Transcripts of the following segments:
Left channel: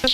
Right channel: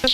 I'm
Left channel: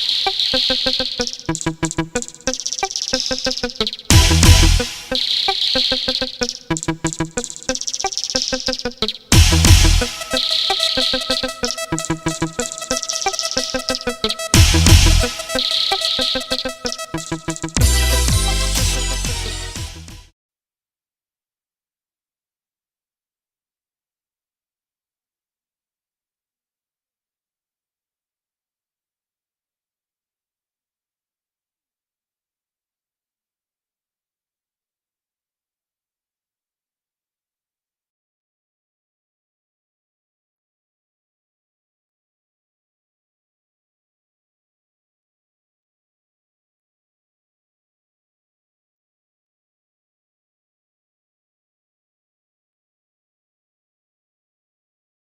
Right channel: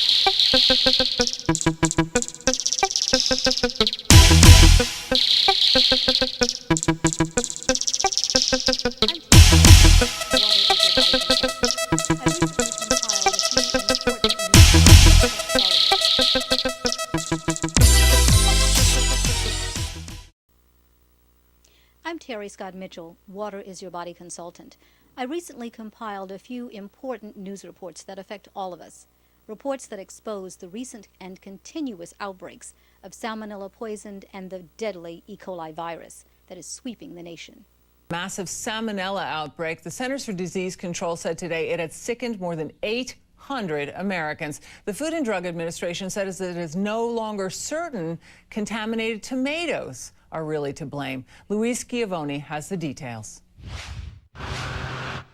Terry Scott Mitchell, Water is Your Body consultant. I recently compiled a few important news reports that affect all of us. Reports that expose the recent and continuous outbreaks of salmonella poisoned and the deadly E. coli virus that is sweeping the nation. Massive salmonella outbreak. The Centers for Disease Control said today it had sickened more than 800 Americans. The Food and Drug Administration says that it is no longer certain contaminated tomatoes are really to blame. Louise Schiavone has the details.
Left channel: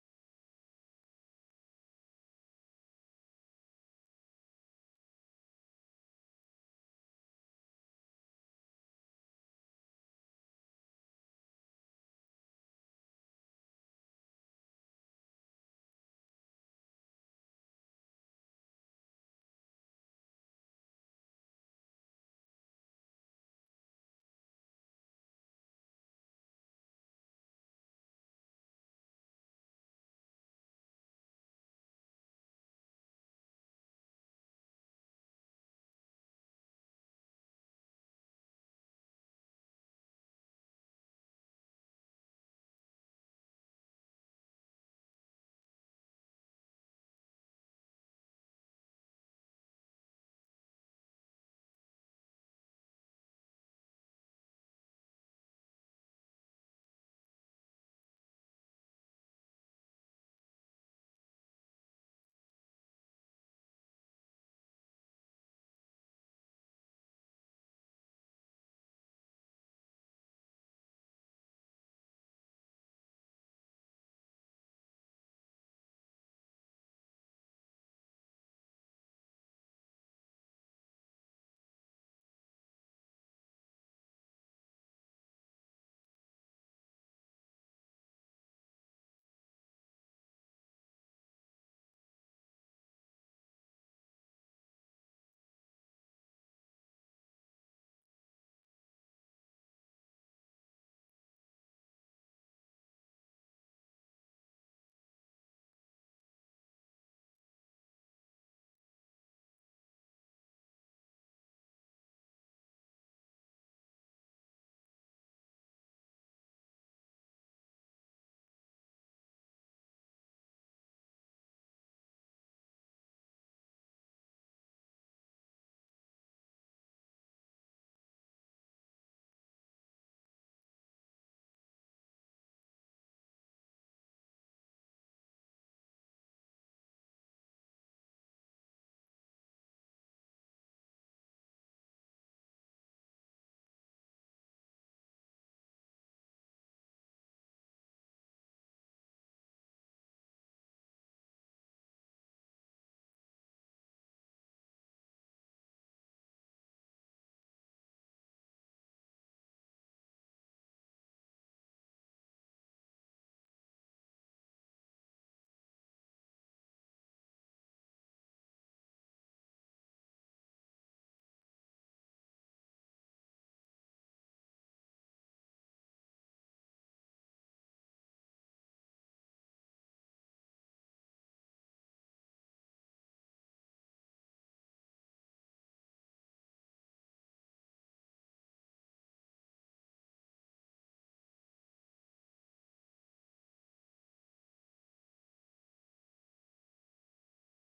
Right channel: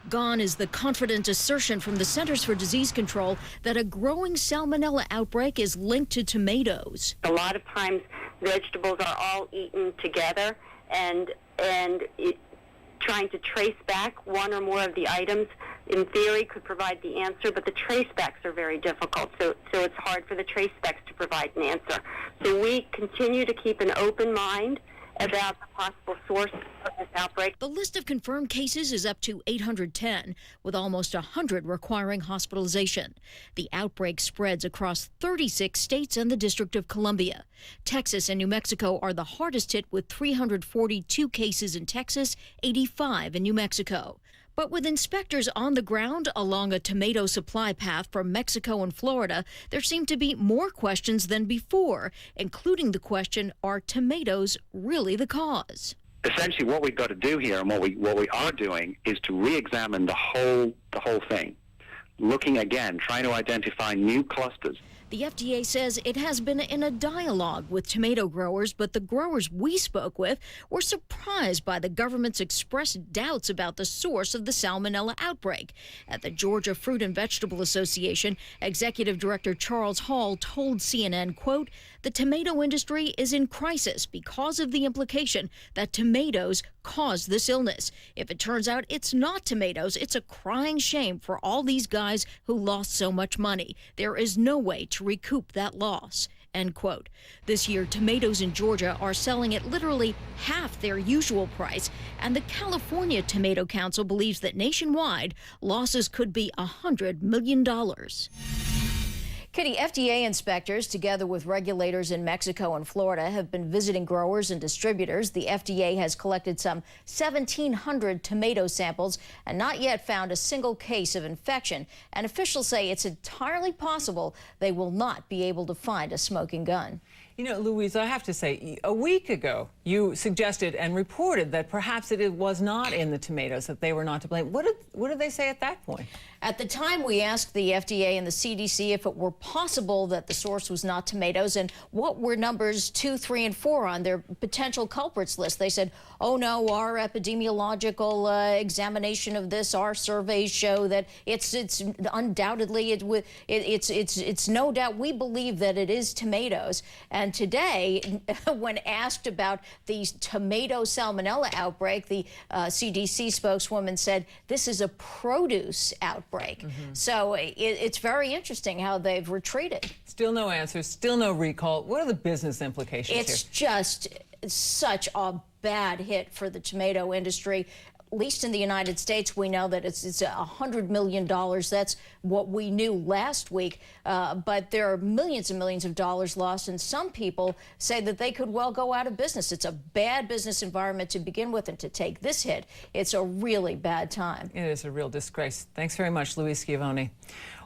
Gone is the confident assertion from the Centers for Disease Control that a growing salmonella outbreak is linked to tomatoes. A lot of times vegetables are all eaten together, and trying to trace back one or more of the items in theory could provide the answer, but the trace backs are very difficult, so it's hard for the trace backs to provide an answer. So we continue to keep an open mind about the possible source of this outbreak. The list of confirmed cases is up to 810, with almost 100 requiring hospitalization. The outbreak spreads across 36 states and the District of Columbia. Texas and New Mexico are the hardest hit, with 342 cases in Texas, 85 in New Mexico. But with inspectors on the ground along a tomato supply path from Mexico and Florida, there seem to be more questions than before, including the question, are tomatoes really the cause? Essentially, what we've got to do here, and what we are doing, is to re-examine the whole thing, looking again, trying to identify new clusters. The FDA says it has been in a dialogue with tomato growers, but the growers we spoke with were surprised by the government's expressed doubts about the source of the salmonella outbreak. At the Georgia Fruit and Vegetable Association, Executive Director Charles Hall told CNN, quote, "The tomato industry is in crisis because of the implication that tomatoes caused this illness. If it turns out it's not tomatoes, it's a crying shame for all these guys who lost so much money. There is no way to recoup that loss." End quote. This year, tomatoes in Georgia are selling at literally half their usual price, and the California Tomato Council believes that nationwide, losses could be $100 million. Kitty, FDA inspectors, together with regulators in Mexico and Florida, have been visiting growers and distributors. The FDA has collected some 1,700 tomato samples and not yet found a single case of infection. And officials say it's entirely possible they will not be able to find a smoking gun. You know, Louise, I have to say, a week ago, you suggested and reported that perhaps it was not in the tomatoes, that they were not to blame. What did they say at that point? At the time, we asked the FDA and the CDC if it were possible that the source was not tomatoes and what were numbers 2, 3, and 4 on their potential culprits list. They said, oh no, our epidemiological examination of this, our surveys show that it's undoubtedly, it's no doubt, we believe that it is tomatoes. And today, when asked about the tomato salmonella outbreak, the CDC spokeswoman said, this is a produce outbreak. So it's very interesting how they've retreated. Still no answers, still no recall. What are the business implications here? It's just such a bad hit for the tomato industry. At least in the United States, we know that it's $100 million. That's what we knew last week. But there are millions and millions of dollars lost, and some people say that they could well go out of business. It's a bad business environment to begin with, and to take this hit, it's a really bad time. It is a real disgrace. Thanks very much, Louise Schiavone.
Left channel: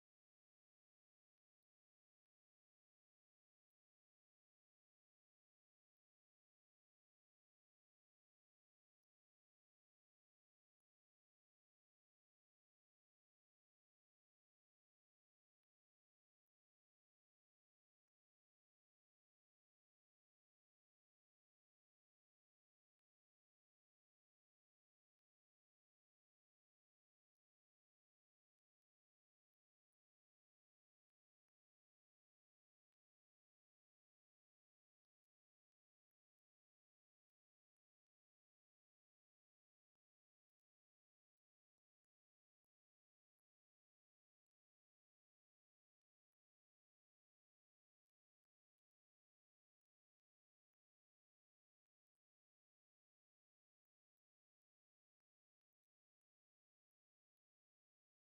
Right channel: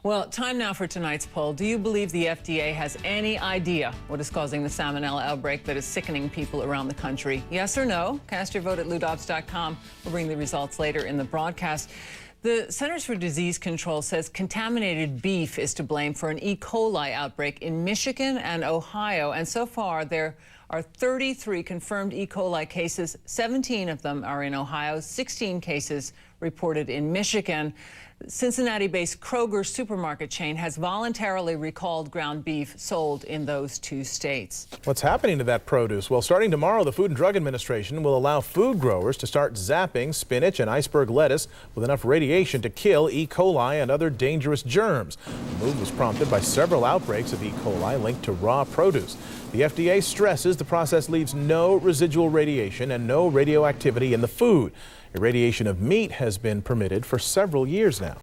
Well, time now for tonight's poll. Do you believe the FDA has any idea what is causing the salmonella outbreak that is sickening people around the country? Yes or no? Cast your vote at LouDobbs.com. We'll bring the results later in the broadcast. The Centers for Disease Control says contaminated beef is to blame for an E. coli outbreak in Michigan and Ohio. And so far, there are 33 confirmed E. coli cases. 17 of them are in Ohio, 16 cases reported in Michigan. Cincinnati-based Kroger supermarket chain has voluntarily recalled ground beef sold in those 2 states. What's happening to that produce? Well, starting tomorrow, the Food and Drug Administration will allow food growers to start zapping spinach and iceberg lettuce with enough radiation to kill E. coli and other dangerous germs. The move was prompted by several outbreaks of E. coli linked to raw produce. The FDA stresses the process leaves no residual radiation and no radioactivity in the food. Irradiation of meat has been permitted for several years now.